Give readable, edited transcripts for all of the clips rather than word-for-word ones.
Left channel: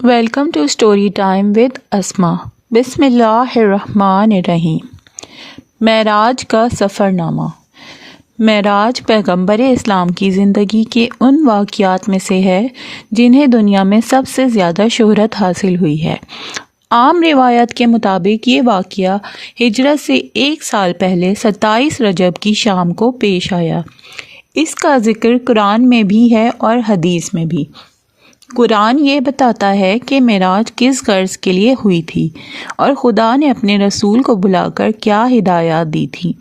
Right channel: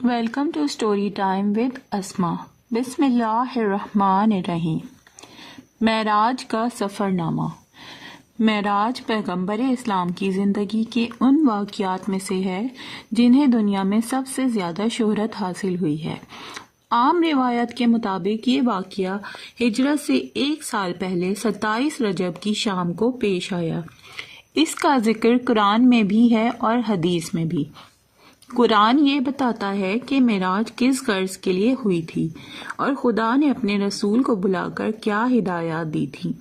Welcome to story time with Asma. بسم اللہ الرحمن الرحیم۔ معراج کا سفر نامہ۔ معراج پیغمبر اسلام کی زندگی کے ان واقعات میں سے ہے جنہیں دنیا میں سب سے زیادہ شہرت حاصل ہوئی ہے۔ عام روایت کے مطابق یہ واقعہ ہجرت سے 1 سال پہلے 27 رجب کی شام کو پیش آیا۔ اس کا ذکر قرآن میں بھی ہے اور حدیث میں بھی۔ قرآن یہ بتاتا ہے کہ معراج کس غرض کے لیے ہوئی تھی اور خدا نے اپنے رسول کو بلا کر کیا ہدایات دی تھی۔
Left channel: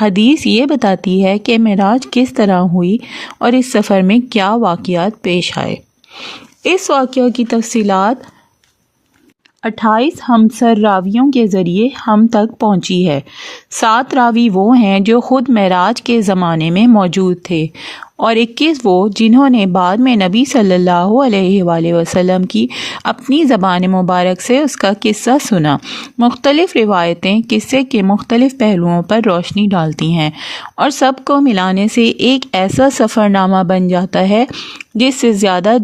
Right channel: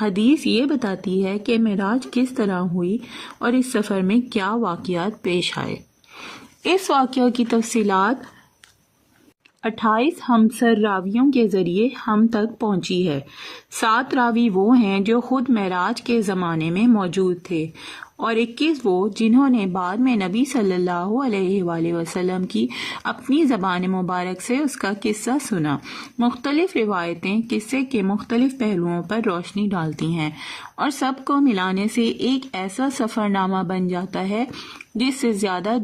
حدیث یہ بتاتی ہے کہ معراج کس طرح ہوئی اور اس سفر میں کیا واقعات پیش آئے۔ اس واقعہ کی تفصیلات 28 ہمسر راویوں کے ذریعے ہم تک پہنچی ہے۔ 7 راوی وہ ہیں جو خود معراج کے زمانے میں موجود تھے اور 21 وہ جنہوں نے بعد میں نبی صلی اللہ علیہ وآلہ وسلم کی اپنی زبان مبارک سے اس کا قصہ سنا۔ مختلف روایتیں قصے کے مختلف پہلوؤں پر روشنی ڈالتی ہیں اور سب کو ملانے سے ایک ایسا سفر نامہ بن جاتا ہے جس سے زیادہ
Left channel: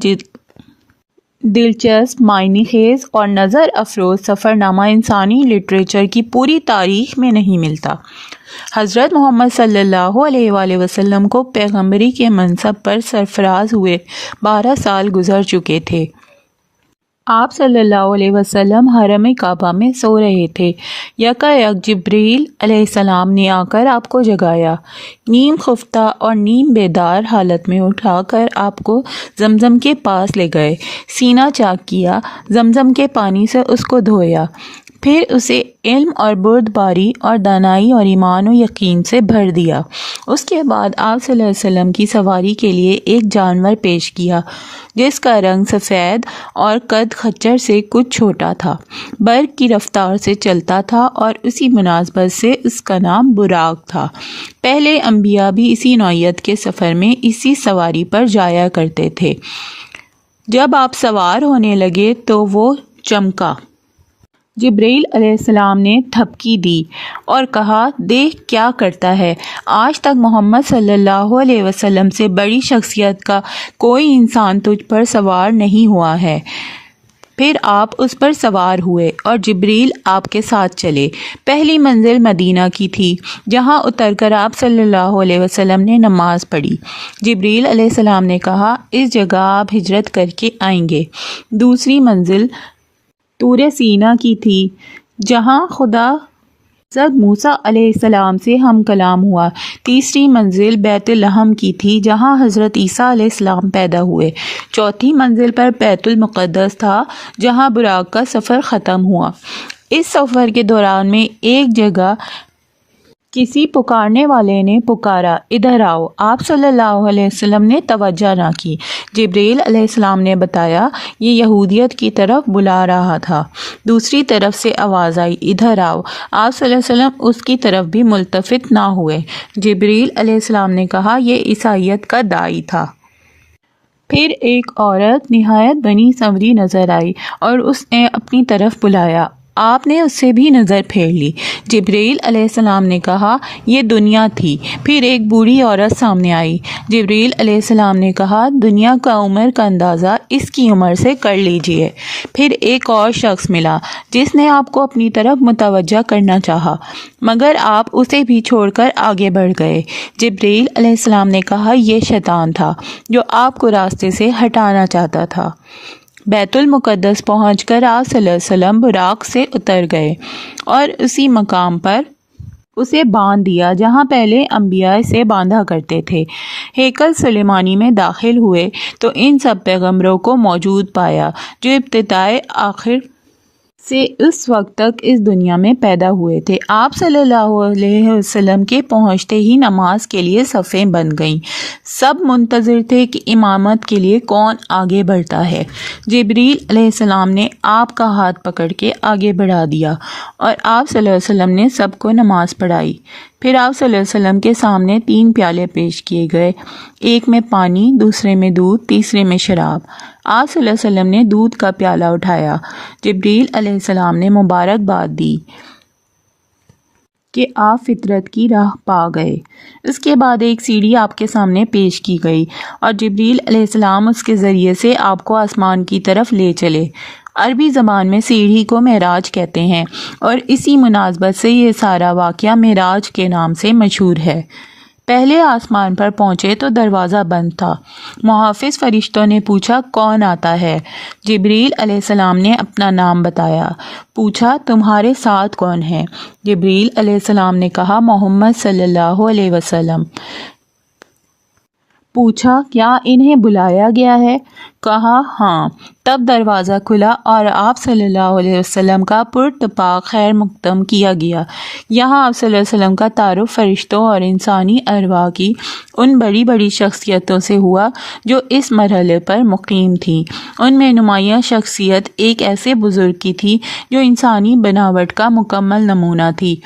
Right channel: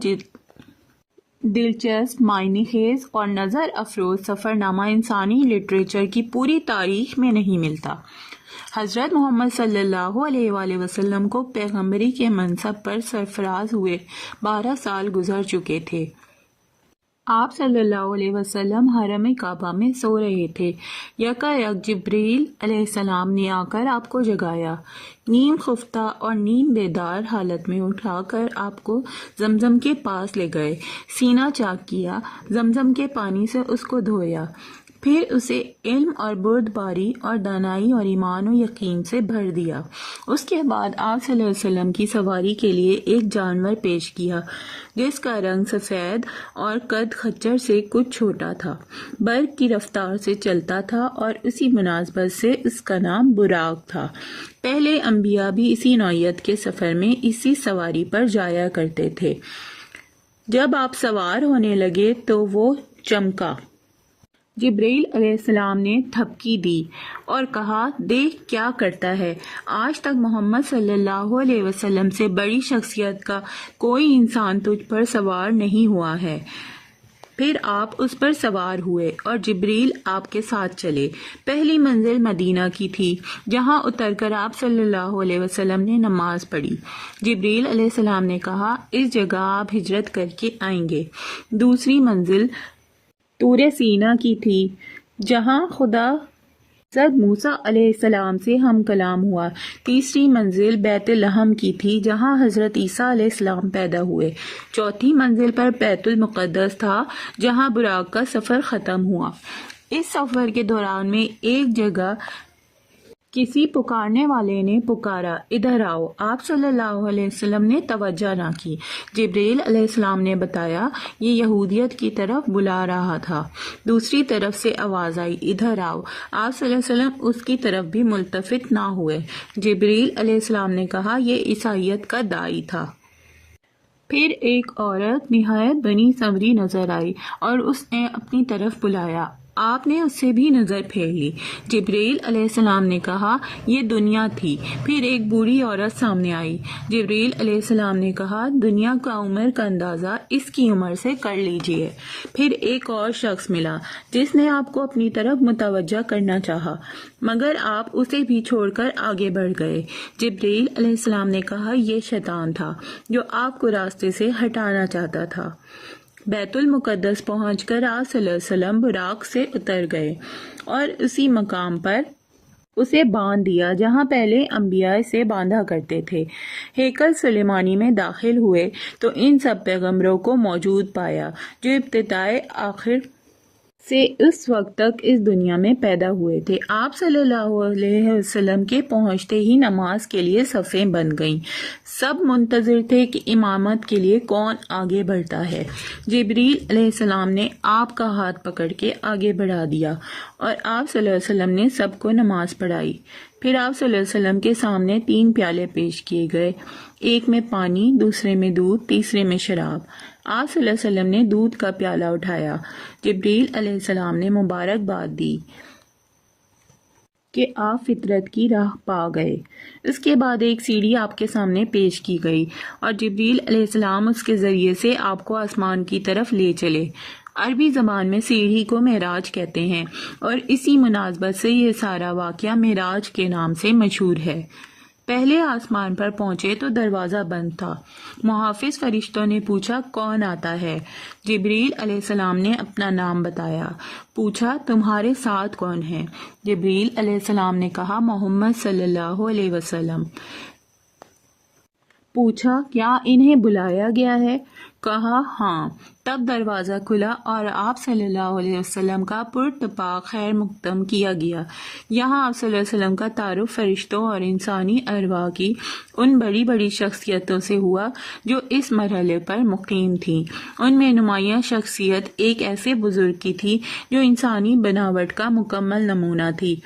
دلچسپ، معنی خیز اور نظر افروز سفر نامہ انسانی لٹریچر کی پوری تاریخ میں نہیں ملتا۔ حضرت محمد صلی اللہ علیہ وآلہ وسلم کو پیغمبری کے منصب پر سرفراز ہوئے 12 سال گزر چکے تھے۔ آپ صلی اللہ علیہ وسلم حرم کعبہ میں سو رہے تھے۔ یکایک جبریل علیہ السلام نے آ کر آپ کو جگایا، نیم خفتہ اور نیم بیدار حالت میں اٹھا کر آپ کو زمزم کے پاس لے گئے، سینہ چاک کیا، زمزم کے پانی سے اس کو دھویا، پھر اسے علم اور بردباری اور دانائی اور ایمان و یقین سے بھر دیا۔ اس کے بعد آپ صلی اللہ علیہ وسلم کی سواری کے لیے ایک جانور پیش کیا جس کا رنگ سفید اور قد خچر سے کچھ چھوٹا تھا، برق کی رفتار سے چلتا تھا اور اسی مناسبت سے اس کا نام براق تھا۔ پہلے انبیاء بھی اسی نوعیت کے سفر میں اسی سواری پر جایا کرتے تھے۔ جب آپ سوار ہونے لگے تو وہ چمکا۔ جبریل علیہ السلام نے تھپکی دی اور کہا، دیکھ کیا کرتا ہے، آج تک محمد صلی اللہ علیہ وسلم سے بڑی شخصیت کا کوئی انسان تجھ پر سوار نہیں ہوا ہے۔ پھر آپ اس پر سوار ہوئے اور جبریل آپ کے ساتھ چلے۔ پہلی منزل مدینہ کی تھی جہاں اتر کر آپ صلی اللہ علیہ وسلم نے نماز پڑھی۔ جبریل علیہ السلام نے کہا، اس جگہ آپ ہجرت کر کے آئیں گے۔ دوسری منزل طور سینا کی تھی جہاں خدا حضرت موسیٰ علیہ السلام سے ہم کلام ہوا۔ تیسری منزل بیت لحم کی تھی جہاں حضرت عیسیٰ علیہ السلام پیدا ہوئے۔ چوتھی منزل پر بیت المقدس تھا جہاں براق کا سفر ختم ہوا۔ اس سفر کے دوران میں ایک جگہ کسی پکارنے والے نے پکارا، ادھر آؤ۔ آپ صلی اللہ علیہ وسلم نے توجہ نہ کی۔ جبریل علیہ السلام نے بتایا، یہ یہودیت کی طرف بلا رہا تھا۔ دوسری طرف سے آواز آئی، ادھر آؤ۔ آپ صلی اللہ علیہ وسلم اس کی طرف بھی ملتفت نہ ہوئے۔ جبریل علیہ السلام نے کہا، یہ عیسائیت کا داعی تھا۔ پھر ایک عورت نہایت بنی سنوری نظر آئی اور اس نے اپنی طرف بلایا۔ آپ نے اس سے بھی نظر پھیر لی۔ جبریل علیہ السلام نے کہا، یہ دنیا تھی۔ پھر ایک بوڑھی عورت سامنے آئی۔ جبریل علیہ السلام نے کہا، دنیا کا عمر کا اندازہ اس کی عمر سے کر لیجئے۔ پھر ایک اور شخص ملا جس نے آپ کو اپنی طرف متوجہ کرنا چاہا مگر آپ اسے بھی چھوڑ کر آگے بڑھ گئے۔ جبریل علیہ السلام نے کہا، یہ شیطان تھا جو آپ کو راستے سے ہٹانا چاہتا تھا۔ بیت المقدس پہنچ کر آپ صلی اللہ علیہ وسلم براق سے اتر گئے اور اسی مقام پر اسے باندھ دیا جہاں پہلے انبیاء اسے باندھا کرتے تھے۔ ہیکل سلیمانی میں داخل ہوئے تو ان سب پیغمبروں کو موجود پایا جو ابتدائے آخر سے اس وقت تک اس دنیا میں پیدا ہوئے تھے۔ آپ صلی اللہ علیہ وسلم کے پہنچتے ہی نماز کے لیے صفیں بن گئیں۔ سب منتظر تھے کہ امامت کے لیے کون آگے بڑھتا ہے۔ جبریل علیہ السلام نے آپ کا ہاتھ پکڑ کے آگے بڑھا دیا اور آپ صلی اللہ علیہ وسلم نے سب کو نماز پڑھائی۔ پھر آپ صلی اللہ علیہ وسلم کے سامنے 3 پیالے پیش کیے گئے، ایک میں پانی، دوسرے میں دودھ، تیسرے میں شراب۔ آپ صلی اللہ علیہ وسلم نے دودھ کا پیالہ اٹھایا۔ جبریل علیہ السلام نے مبارکباد دی۔ کہ آپ فطرت کی راہ پا گئے۔ اس کے بعد ایک سیڑھی آپ کے سامنے پیش کی گئی اور جبریل علیہ السلام اس کے ذریعے سے آپ کو آسمان کی طرف لے چلے۔ عربی زبان میں سیڑھی کو معراج کہتے ہیں اور اسی مناسبت سے یہ سارا واقعہ معراج کے نام سے مشہور ہے۔ پہلے آسمان پر پہنچے تو دروازہ بند تھا۔ محافظ فرشتوں نے پوچھا کون آتا ہے؟ جبریل علیہ السلام نے اپنا نام بتایا۔ پوچھا تمہارے ساتھ کون ہے؟ جبریل علیہ السلام نے کہا محمد صلی اللہ علیہ وسلم۔ پوچھا کیا انہیں بلایا گیا ہے؟ کہا ہاں۔ تب دروازہ کھلا اور آپ صلی اللہ علیہ وسلم کا پراتفاق خیر مقدم کیا گیا۔ یہاں آپ صلی اللہ علیہ وسلم کا تعارف فرشتوں اور انسانی ارواح کی ان بڑی بڑی شخصیتوں سے ہوا جو اس مرحلے پر مقیم تھیں۔ ان میں نمایاں شخصیت ایک ایسے بزرگ کی تھی جو انسانی بناوٹ کا مکمل نمونہ تھی۔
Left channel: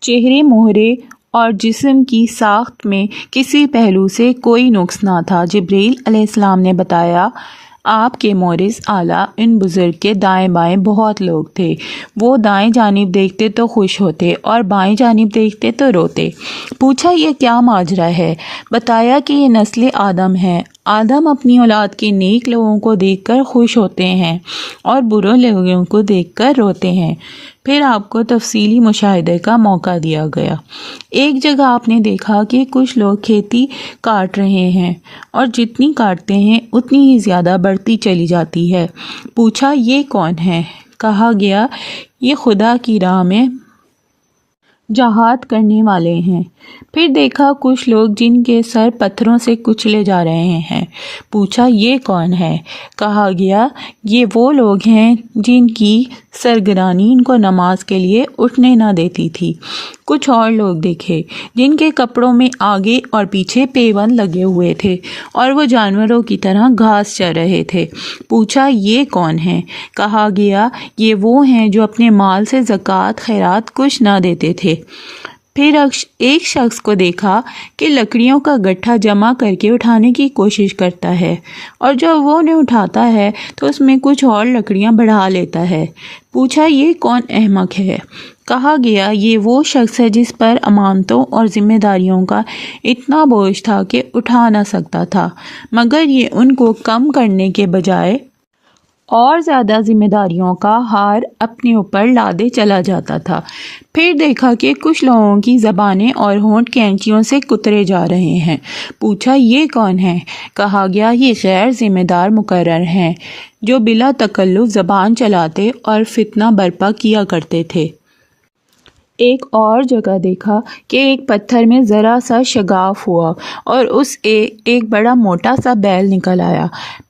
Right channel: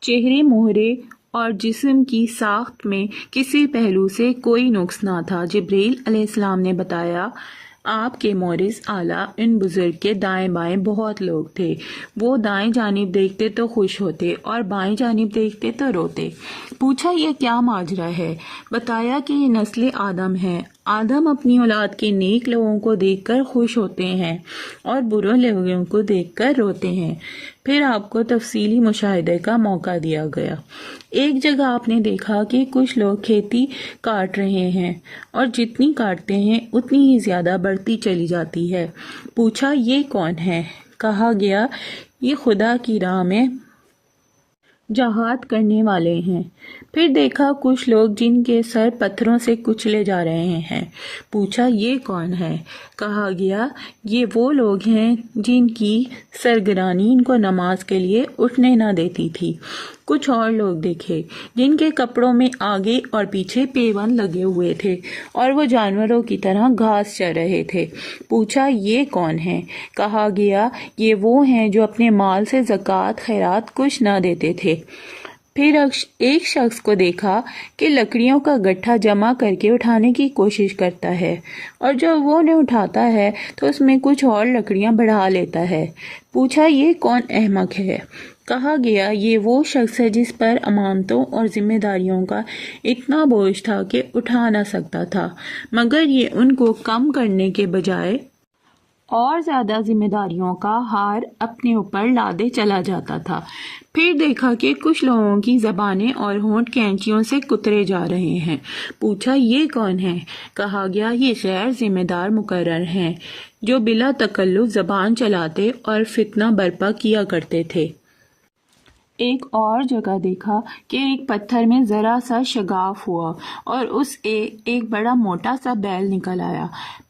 چہرے مہرے اور جسم کی ساخت میں کسی پہلو سے کوئی نقص نہ تھا۔ جبریل علیہ السلام نے بتایا آپ کے مورث اعلیٰ ان بزرگ کے دائیں بائیں بہت لوگ تھے۔ وہ دائیں جانب دیکھتے تو خوش ہوتے اور بائیں جانب دیکھتے تو روتے۔ پوچھا یہ کیا ماجرا ہے؟ بتایا کہ یہ نسل آدم ہے۔ آدم اپنی اولاد کے نیک لوگوں کو دیکھ کر خوش ہوتے ہیں اور برے لوگوں کو دیکھ کر روتے ہیں۔ پھر آپ کو تفصیلی مشاہدے کا موقع دیا گیا۔ ایک جگہ آپ نے دیکھا کہ کچھ لوگ کھیتی کاٹ رہے ہیں اور جتنی کاٹتے ہیں اتنی ہی زیادہ بڑھتی چلی جاتی ہے۔ پوچھا یہ کون ہے؟ کہا گیا یہ خدا کی راہ میں جہاد کرنے والے ہیں۔ پھر دیکھا کچھ لوگ جن کے سر پتھروں سے کچلے جا رہے ہیں۔ پوچھا یہ کون ہے؟ کہا گیا یہ وہ لوگ ہیں جن کی سرگرانی ان کو نماز کے لیے اٹھنے نہ دیتی تھی۔ کچھ اور لوگ دیکھے جن کے کپڑوں میں آگے اور پیچھے پیوند لگے ہوئے تھے اور وہ جانوروں کی طرح گھاس چر رہے تھے۔ پوچھا یہ کون ہیں؟ کہا گیا یہ وہ ہیں جو اپنے مال سے زکوٰۃ خیرات کچھ نہ دیتے تھے۔ پھر ایک شخص کو دیکھا کہ لکڑیوں کا گٹھا جمع کر کے اٹھانے کی کوشش کرتا ہے اور جب وہ انہیں اٹھاتا ہے تو اس میں کچھ اور لکڑیاں بڑھا لیتا ہے۔ پوچھا یہ کون احمق ہے؟ کہا گیا یہ وہ شخص ہے جس پر امانتوں اور ذمہ داریوں کا اتنا بوجھ تھا کہ اٹھا نہ سکتا تھا، مگر یہ ان کو کم کرنے کے بجائے اور زیادہ ذمہ داریوں کا ہار اپنے اوپر لادے چلا جاتا تھا۔ پھر دیکھا کہ کچھ لوگوں کی زبانیں اور ہونٹ کینچیوں سے کترے جا رہے ہیں۔ پوچھا یہ کون ہے؟ کہا گیا یہ غیر ذمہ دار مقرر ہیں جو بلا تکلف زبان چلاتے اور فتنہ برپا کیا کرتے تھے۔ ایک اور جگہ دیکھا کہ ایک پتھر میں ذرا سا شگاف ہوا اور اس ایک بڑا موٹا سا بیل نکل آیا۔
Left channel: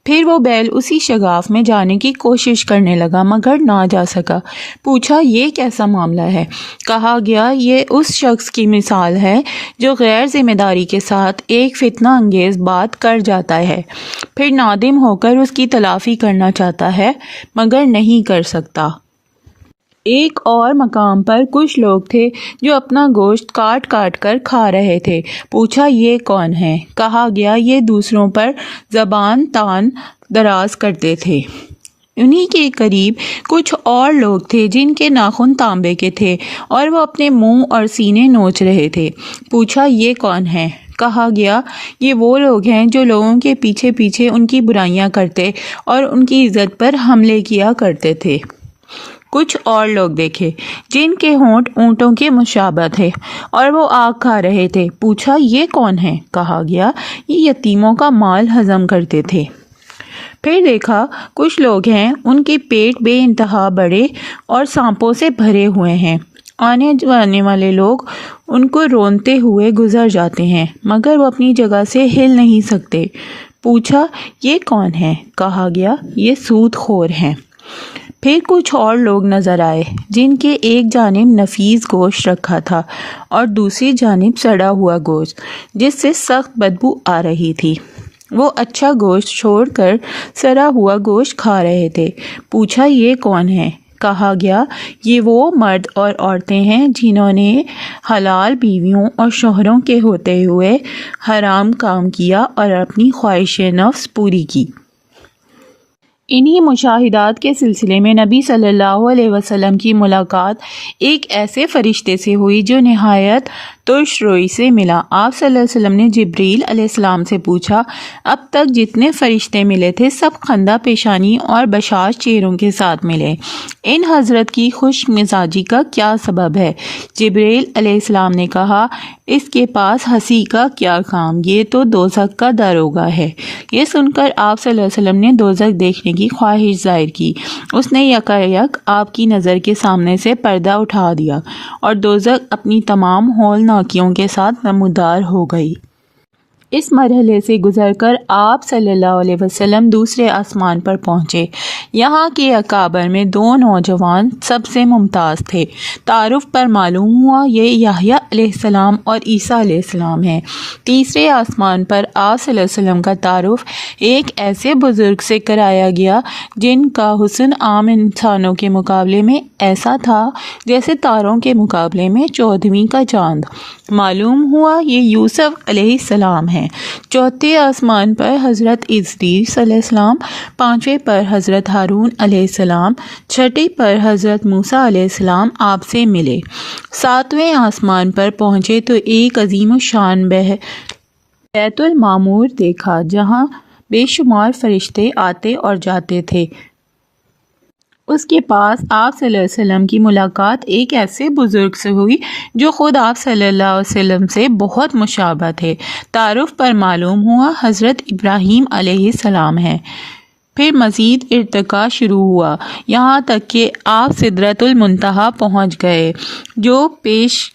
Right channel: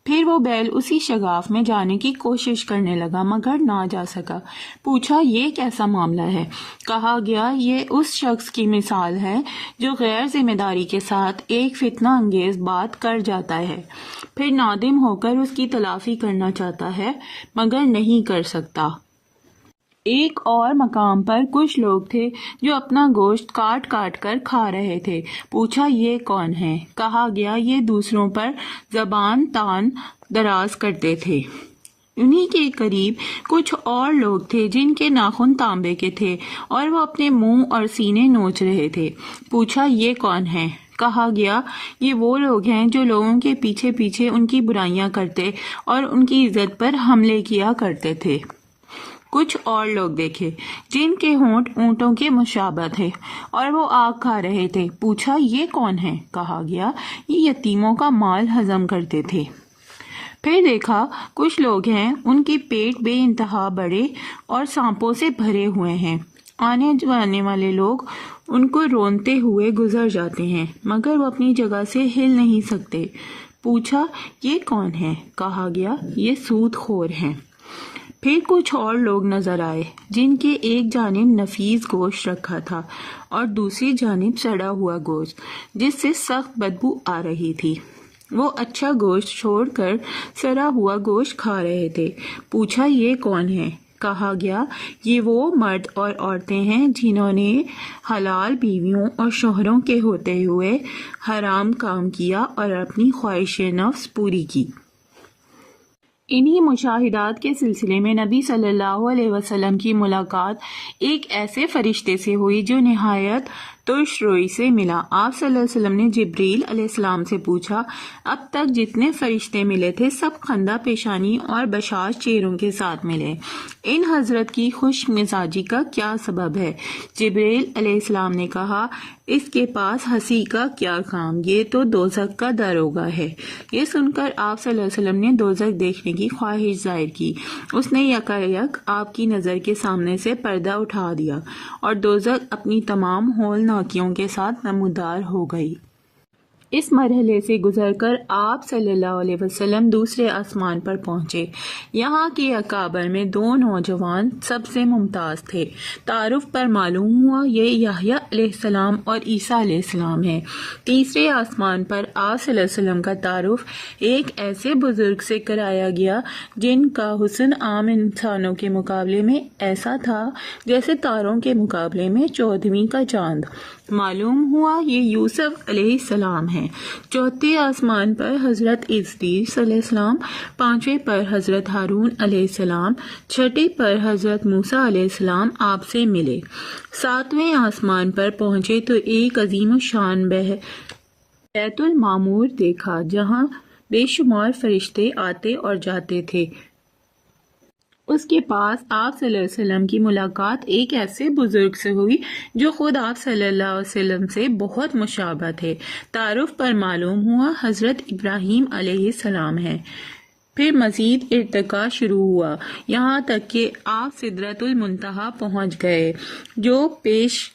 پھر وہ بیل اسی شگاف میں جانے کی کوشش کرنے لگا مگر نہ جا سکا۔ پوچھا یہ کیسا معاملہ ہے؟ کہا گیا یہ اس شخص کی مثال ہے جو غیر ذمہ داری کے ساتھ ایک فتنہ انگیز بات کر جاتا ہے، پھر نادم ہو کر اس کی تلافی کرنا چاہتا ہے مگر نہیں کر سکتا۔ ایک اور مقام پر کچھ لوگ تھے جو اپنا گوشت کاٹ کاٹ کر کھا رہے تھے۔ پوچھا یہ کون ہے؟ کہا گیا یہ دوسروں پر زبان تان دراز کرتے تھے۔ انہی کے قریب کچھ اور لوگ تھے جن کے ناخن تانبے کے تھے اور وہ اپنے منہ اور سینے نوچ رہے تھے۔ پوچھا یہ کون ہے؟ کہا گیا یہ وہ لوگ ہیں جو لوگوں کے پیچھے پیچھے ان کی برائیاں کرتے اور ان کی عزت پر حملے کیا کرتے تھے۔ کچھ اور لوگ دیکھے جن کے ہونٹ اونٹوں کے مشابہ تھے اور وہ آگ کھا رہے تھے۔ پوچھا یہ کون ہے؟ کہا گیا یہ یتیموں کا مال ہضم کرتے تھے۔ پھر دیکھا کچھ لوگ ہیں ان کے پیٹ بے انتہا بڑے اور سانپوں سے بھرے ہوئے ہیں۔ آنے جانے والے لوگ ان کو رونتے ہوئے گزر جاتے ہیں مگر وہ اپنی جگہ سے ہل نہیں سکتے۔ پوچھا یہ کون ہے؟ کہا گیا یہ سود خور ہیں۔ پھر کچھ اور لوگ نظر آئے جن کے ایک جانب نفیس گوشت رکھا تھا اور دوسری جانب سڑا ہوا گوشت جس سے سخت بدبو آ رہی تھی۔ وہ اچھا گوشت چھوڑ کر سڑا ہوا گوشت کھا رہے تھے۔ پوچھا یہ کون ہے؟ کہا گیا یہ وہ مرد اور عورتیں ہیں جنہوں نے حلال بیویوں اور شوہروں کے ہوتے ہوئے حرام کام کیا اور اپنی خواہش نفس پوری کی۔ انہی مشاہدات کے سلسلے میں نبی صلی اللہ علیہ وسلم کی ملاقات ایک ایسے فرشتے سے ہوئی جو نہایت ترش روئی سے ملا۔ آپ صلی اللہ علیہ وسلم نے جبریل علیہ السلام سے پوچھا، اب تک جتنے فرشتے ملے تھے سب خندہ پیشانی اور بشاش چہروں کے ساتھ ملے، ان حضرت کی خوش مزاجی کا کیا سبب ہے؟ جبریل علیہ السلام نے کہا، اس کے پاس ہنسی کا کیا کام، یہ تو دوزخ کا داروغہ ہے۔ یہ سن کر آپ صلی اللہ علیہ وسلم نے دوزخ دیکھنے کی خواہش ظاہر کی۔ اس نے یکایک آپ کی نظر کے سامنے سے پردہ اٹھا دیا اور دوزخ اپنی تمام ہولناکیوں کے ساتھ نمودار ہو گئی۔ اس مرحلے سے گزر کر آپ صلی اللہ علیہ وسلم دوسرے آسمان پر پہنچے۔ یہاں کے اکابر میں دو نوجوان سب سے ممتاز تھے۔ تعارف پر معلوم ہوا یہ یحییٰ علیہ السلام اور عیسیٰ علیہ السلام ہیں۔ تیسرے آسمان پر آپ صلی اللہ علیہ وسلم کا تعارف ایک ایسے بزرگ سے کرایا گیا جن کا حسن عام انسانوں کے مقابلے میں ایسا تھا جیسے تاروں کے مقابلے میں چودھویں کا چاند۔ معلوم ہوا یہ یوسف علیہ السلام ہیں۔ چوتھے آسمان پر حضرت ادریس علیہ السلام، پانچویں پر حضرت ہارون علیہ السلام، چھٹے پر حضرت موسیٰ علیہ السلام آپ سے ملے۔ ساتویں آسمان پر پہنچے تو ایک عظیم الشان بیت المعمور دیکھا جہاں بے شمار فرشتے آتے اور جاتے تھے۔ اس کے پاس آپ صلی اللہ علیہ وسلم کی ملاقات ایک ایسے بزرگ سے ہوئی جو خود آپ صلی اللہ علیہ وسلم سے بہت مشابہ تھے۔ تعارف پر معلوم ہوا حضرت ابراہیم علیہ السلام ہیں۔ پھر مزید ارتقاء شروع ہوا یہاں تک کہ آپ سدرۃ المنتہا پہنچ گئے جو پیش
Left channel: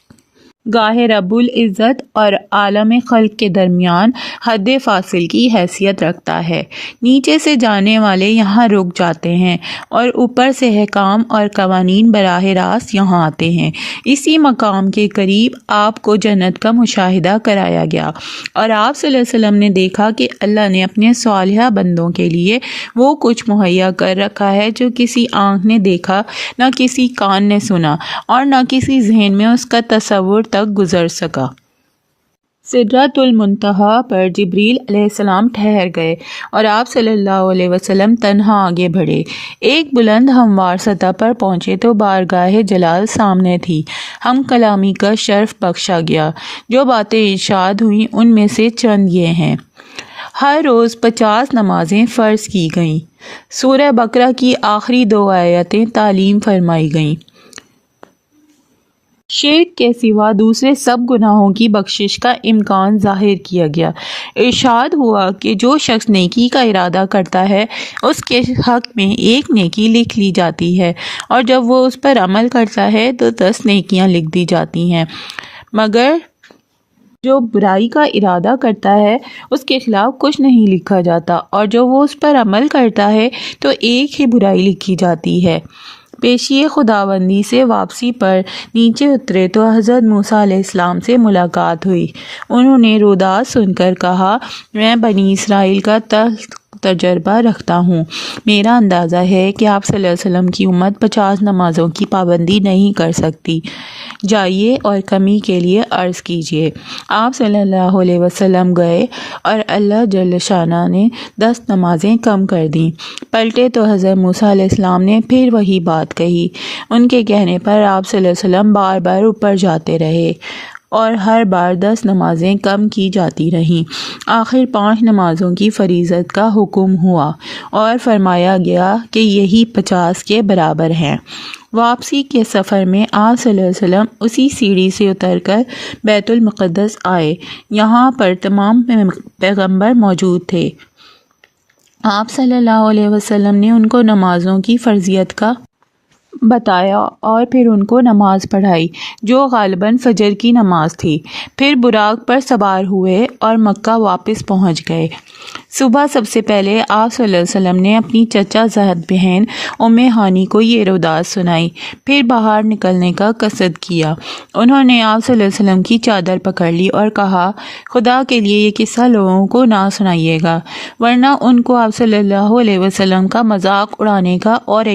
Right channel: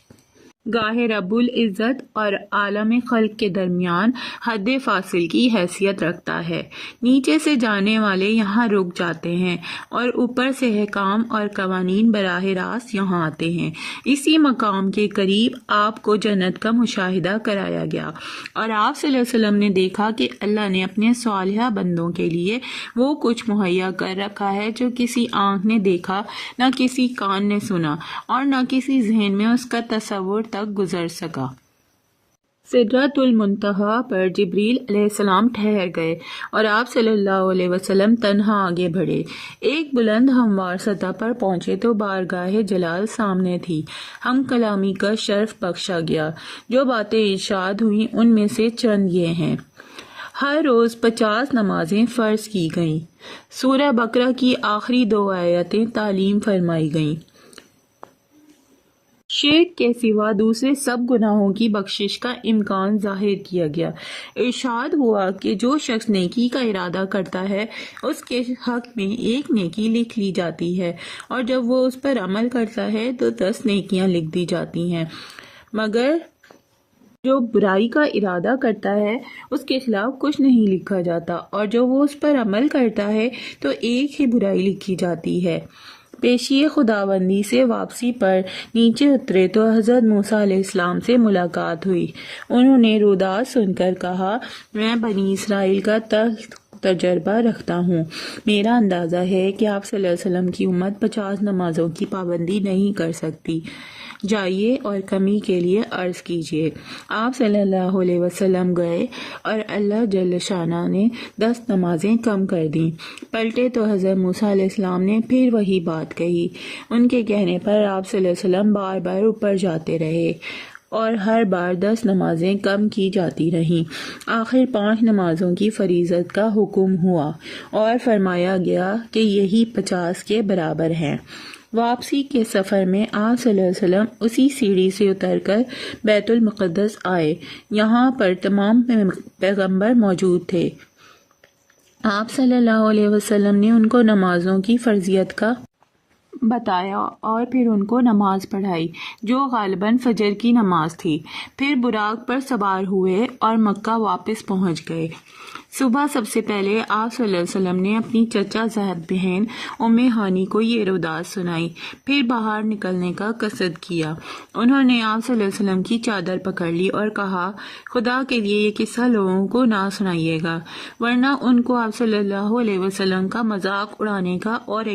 گاہ رب العزت اور عالم خلق کے درمیان حد فاصل کی حیثیت رکھتا ہے۔ نیچے سے جانے والے یہاں رک جاتے ہیں اور اوپر سے حکام اور قوانین براہ راست یہاں آتے ہیں۔ اسی مقام کے قریب آپ کو جنت کا مشاہدہ کرایا گیا اور آپ صلی اللہ علیہ وسلم نے دیکھا کہ اللہ نے اپنے صالحہ بندوں کے لیے وہ کچھ مہیا کر رکھا ہے جو کسی آنکھ نے دیکھا، نہ کسی کان نے سنا اور نہ کسی ذہن میں اس کا تصور تک گزر سکا۔ سدرۃ المنتہا پر جبریل علیہ السلام ٹھہر گئے اور آپ صلی اللہ علیہ وسلم تنہا آگے بڑھے۔ ایک بلند ہموار سطح پر پہنچے تو بارگاہ جلال سامنے تھی۔ ہم کلامی کا شرف بخشا گیا۔ جو باتیں ارشاد ہوئیں ان میں سے چند یہ ہیں۔ ہر روز 50 نمازیں فرض کی گئیں۔ سورہ بقرہ کی آخری 2 آیتیں تعلیم فرمائی گئیں۔ شرک کے سوا دوسرے سب گناہوں کی بخشش کا امکان ظاہر کیا گیا۔ ارشاد ہوا کہ جو شخص نیکی کا ارادہ کرتا ہے اس کے حق میں 1 نیکی لکھ لی جاتی ہے اور جب وہ اس پر عمل کرتا ہے تو 10 نیکیاں لکھ دی جاتی ہیں، مگر جو برائی کا ارادہ کرتا ہے اس کے خلاف کچھ نہیں لکھا جاتا اور جو وہ اس پر عمل کرتا ہے تو 1 ہی برائی لکھی جاتی ہے۔ پیشی خداوندی سے واپسی پر نیچے اترے تو حضرت موسیٰ علیہ السلام سے ملاقات ہوئی۔ انہوں نے روداد سن کر کہا، میں بنی اسرائیل کا تجربہ رکھتا ہوں۔ میرا اندازہ ہے کہ آپ صلی اللہ علیہ وسلم کی امت 50 نمازوں کی پابندی نہیں کر سکتی۔ جائیے اور کمی کے لیے عرض کیجیے۔ آپ صلی اللہ علیہ وسلم گئے اور اللہ جل شانہ نے 10 نمازیں کم کر دیں۔ پلٹے تو حضرت موسیٰ علیہ السلام نے پھر وہی بات کہی۔ ان کے کہنے پر آپ صلی اللہ علیہ وسلم بار بار اوپر جاتے رہے اور ہر بار 10 نمازیں کم کی جاتی رہیں۔ آخر 5 نمازوں کی فریضت کا حکم ہوا اور فرمایا گیا کہ یہی 50 کے برابر ہیں۔ واپسی کے سفر میں آپ صلی اللہ علیہ وسلم اسی سیڑھی سے اتر کر بیت المقدس آئے۔ یہاں پر تمام پیغمبر موجود تھے۔ آپ صلی اللہ علیہ وسلم نے ان کو نمازوں کی فرضیت کا بتایا اور پھر ان کو نماز پڑھائی جو غالباً فجر کی نماز تھی۔ پھر براق پر سوار ہوئے اور مکہ واپس پہنچ گئے۔ صبح سب سے پہلے آپ صلی اللہ علیہ وسلم نے اپنی چچا زاد بہن ام ہانی کو یہ روداد سنائی، پھر باہر نکلنے کا قصد کیا۔ انہوں نے آپ صلی اللہ علیہ وسلم کی چادر پکڑ لی اور کہا، خدا کے لیے یہ قصہ لوگوں کو نہ سنائیے گا ورنہ ان کو آپ صلی اللہ علیہ وسلم کا مذاق اڑانے کا اور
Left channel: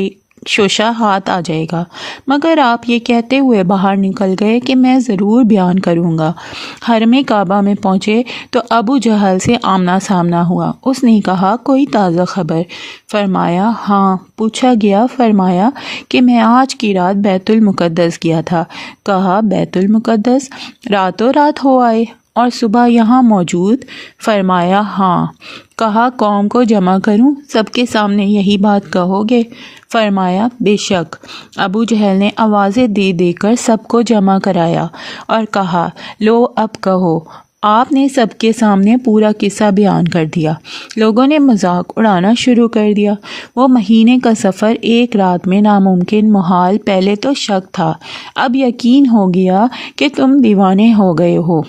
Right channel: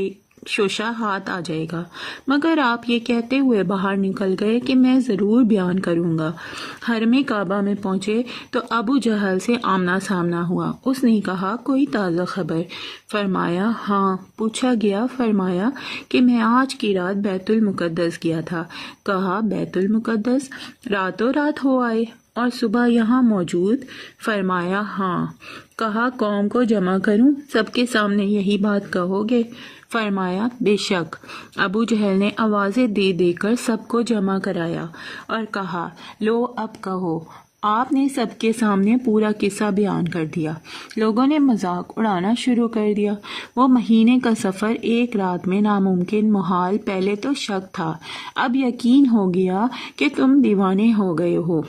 شوشہ ہاتھ آ جائے گا، مگر آپ یہ کہتے ہوئے باہر نکل گئے کہ میں ضرور بیان کروں گا۔ حرم کعبہ میں پہنچے تو ابو جہل سے آمنا سامنا ہوا۔ اس نے کہا کوئی تازہ خبر؟ فرمایا ہاں۔ پوچھا گیا، فرمایا کہ میں آج کی رات بیت المقدس گیا تھا۔ کہا بیت المقدس راتوں رات ہو آئے اور صبح یہاں موجود؟ فرمایا ہاں۔ کہا قوم کو جمع کروں، سب کے سامنے یہی بات کہو گے؟ فرمایا بے شک۔ ابو جہل نے آوازیں دے دے کر سب کو جمع کرایا اور کہا لو اب کہو۔ آپ نے سب کے سامنے پورا قصہ بیان کر دیا۔ لوگوں نے مذاق اڑانا شروع کر دیا۔ وہ مہینے کا سفر ایک رات میں ناممکن، محال، پہلے تو شک تھا، اب یقین ہو گیا کہ تم دیوانے ہو گئے ہو۔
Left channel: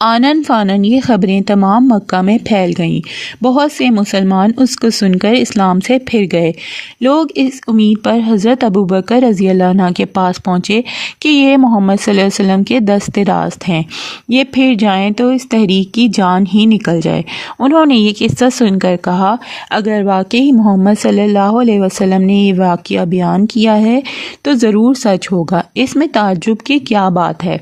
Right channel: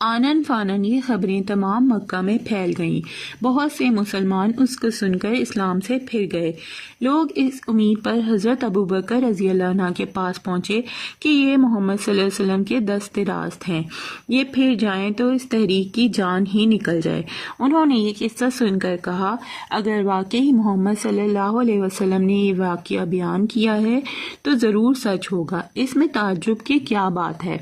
آنن فانن یہ خبریں تمام مکہ میں پھیل گئیں۔ بہت سے مسلمان اس کو سن کر اسلام سے پھر گئے۔ لوگ اس امید پر حضرت ابوبکر رضی اللہ عنہ کے پاس پہنچے کہ یہ محمد صلی اللہ علیہ وسلم کے دست راست ہیں، یہ پھر جائیں تو اس تحریک کی جان ہی نکل جائے۔ انہوں نے یہ قصہ سن کر کہا اگر واقعی محمد صلی اللہ علیہ وسلم نے یہ واقعہ بیان کیا ہے تو ضرور سچ ہوگا، اس میں تعجب کی کیا بات ہے؟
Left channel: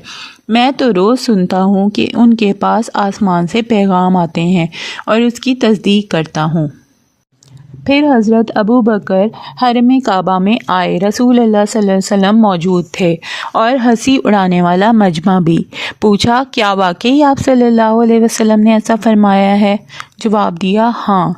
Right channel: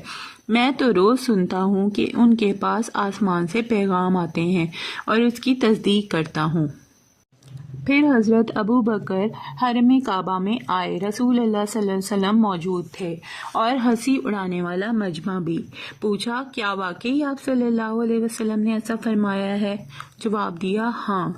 میں تو روز سنتا ہوں کہ ان کے پاس آسمان سے پیغام آتے ہیں اور اس کی تصدیق کرتا ہوں۔ پھر حضرت ابو بکر حرم کعبہ میں آئے، رسول اللہ صلی اللہ علیہ وسلم موجود تھے اور ہنسی اڑانے والا مجمع بھی۔ پوچھا کیا واقعی آپ صلی اللہ علیہ وسلم نے ایسا فرمایا ہے؟ جواب دیا ہاں۔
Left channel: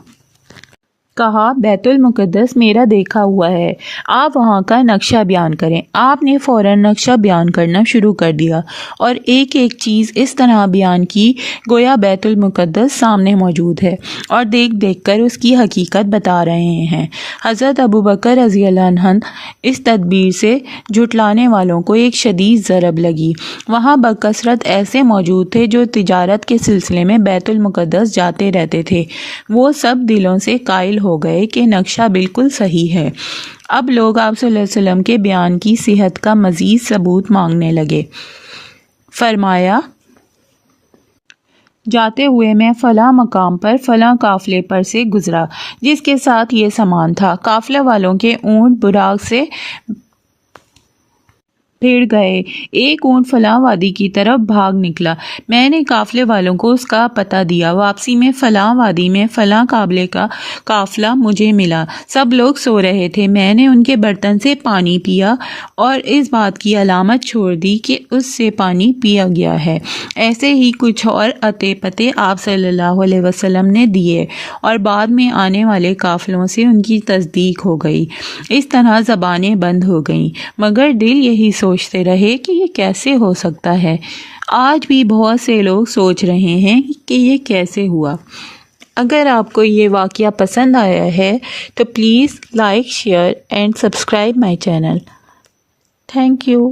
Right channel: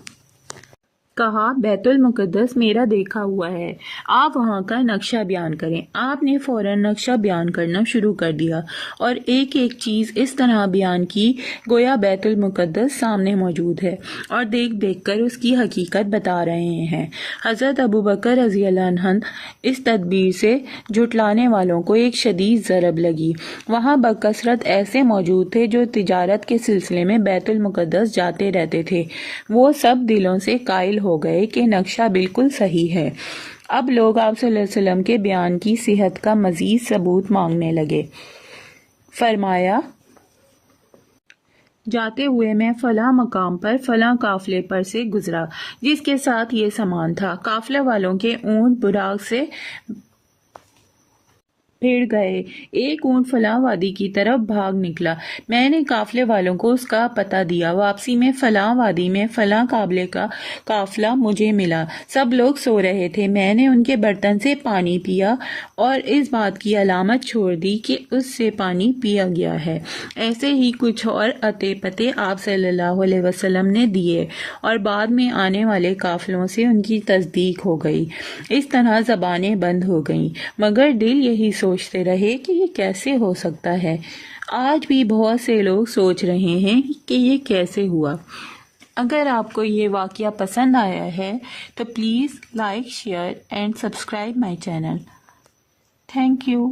کہا بیت المقدس میرا دیکھا ہوا ہے، آپ وہاں کا نقشہ بیان کریں۔ آپ نے فوراً نقشہ بیان کرنا شروع کر دیا اور ایک ایک چیز اس طرح بیان کی گویا بیت المقدس سامنے موجود ہے اور دیکھ دیکھ کر اس کی حقیقت بتا رہے ہیں۔ حضرت ابوبکر رضی اللہ عنہ اس تدبیر سے جھٹلانے والوں کو ایک شدید ضرب لگی۔ وہاں بکثرت ایسے موجود تھے جو تجارت کے سلسلے میں بیت المقدس جاتے رہتے تھے، وہ سب دلوں سے قائل ہو گئے کہ نقشہ بالکل صحیح ہے۔ اب لوگ آپ صلی اللہ علیہ وسلم کے بیان کی صحت کا مزید ثبوت مانگنے لگے۔ فرمایا جاتے ہوئے میں فلاں مقام پر فلاں قافلے پر سے گزرا جس کے ساتھ یہ سامان تھا، قافلے والوں کے اونٹ براق سے بھیڑ گئے، ایک اونٹ فلاں وادی کی طرف بھاگ نکلا، میں نے قافلے والوں کو اس کا پتہ دیا، واپسی میں فلاں وادی میں فلاں قافلے کا قافلہ مجھے ملا، سب لوگ سو رہے تھے، میں نے ان کے برتن سے پانی پیا اور اس بات کی علامت چھوڑ دی کہ اس سے پانی پیا گیا ہے۔ ایسے ہی کچھ اور اتے پتے آپ صلی اللہ علیہ وسلم نے دیے اور بعد میں آنے والے قافلوں سے ان کی تصدیق ہو گئی۔ اس طرح زبانیں بند ہو گئیں، مگر دل یہی سوچتے رہے کہ یہ کیسے ہو سکتا ہے۔ آج بھی بہت سے لوگ سوچ رہے ہیں کہ یہ کیسے ہوا۔ اگر آپ کو یہ واقعہ پسند آیا ہے تو please like, share and subscribe my channel. Thank you.